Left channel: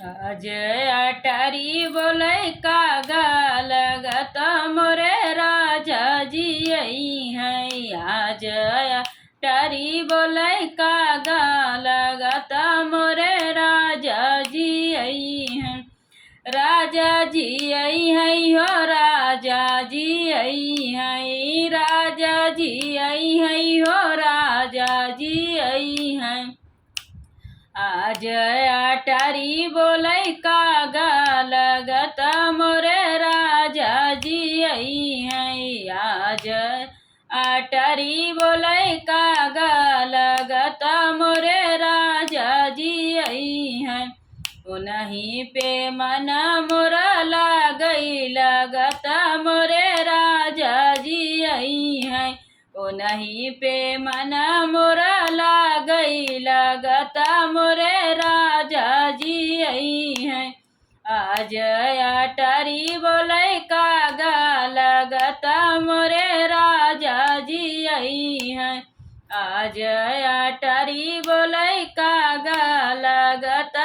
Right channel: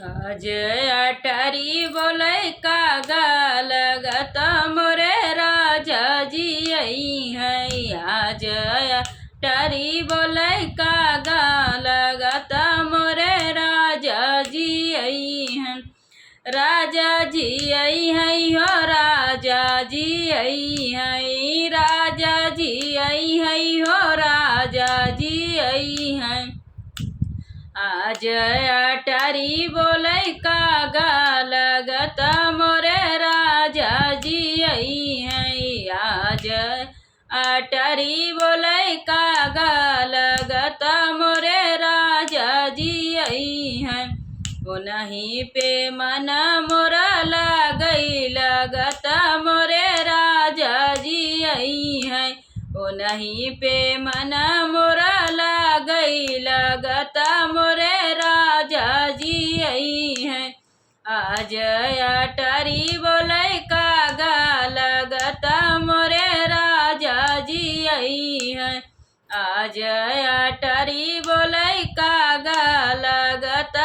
आज अटारी बोले कागा लगत मोरे राजा जी आई है। आज अटारी बोले कागा लगत मोरे राजा जी आई है। राजा जी आई है हो राजा जी आई है। राजा जी आई है हो राजा जी आई है। आज अटारी बोले कागा लगत मोरे राजा जी आई है। आज अटारी बोले कागा लगत मोरे राजा जी आई है। उन्हीं पे मन मोरा लागई लगत मोरे राजा जी आई है। उन्हीं पे मन मोरा लागई लगत मोरे राजा जी आई है। आज अटारी बोले कागा लगत मोरे राजा जी आई है। आज अटारी बोले कागा लगत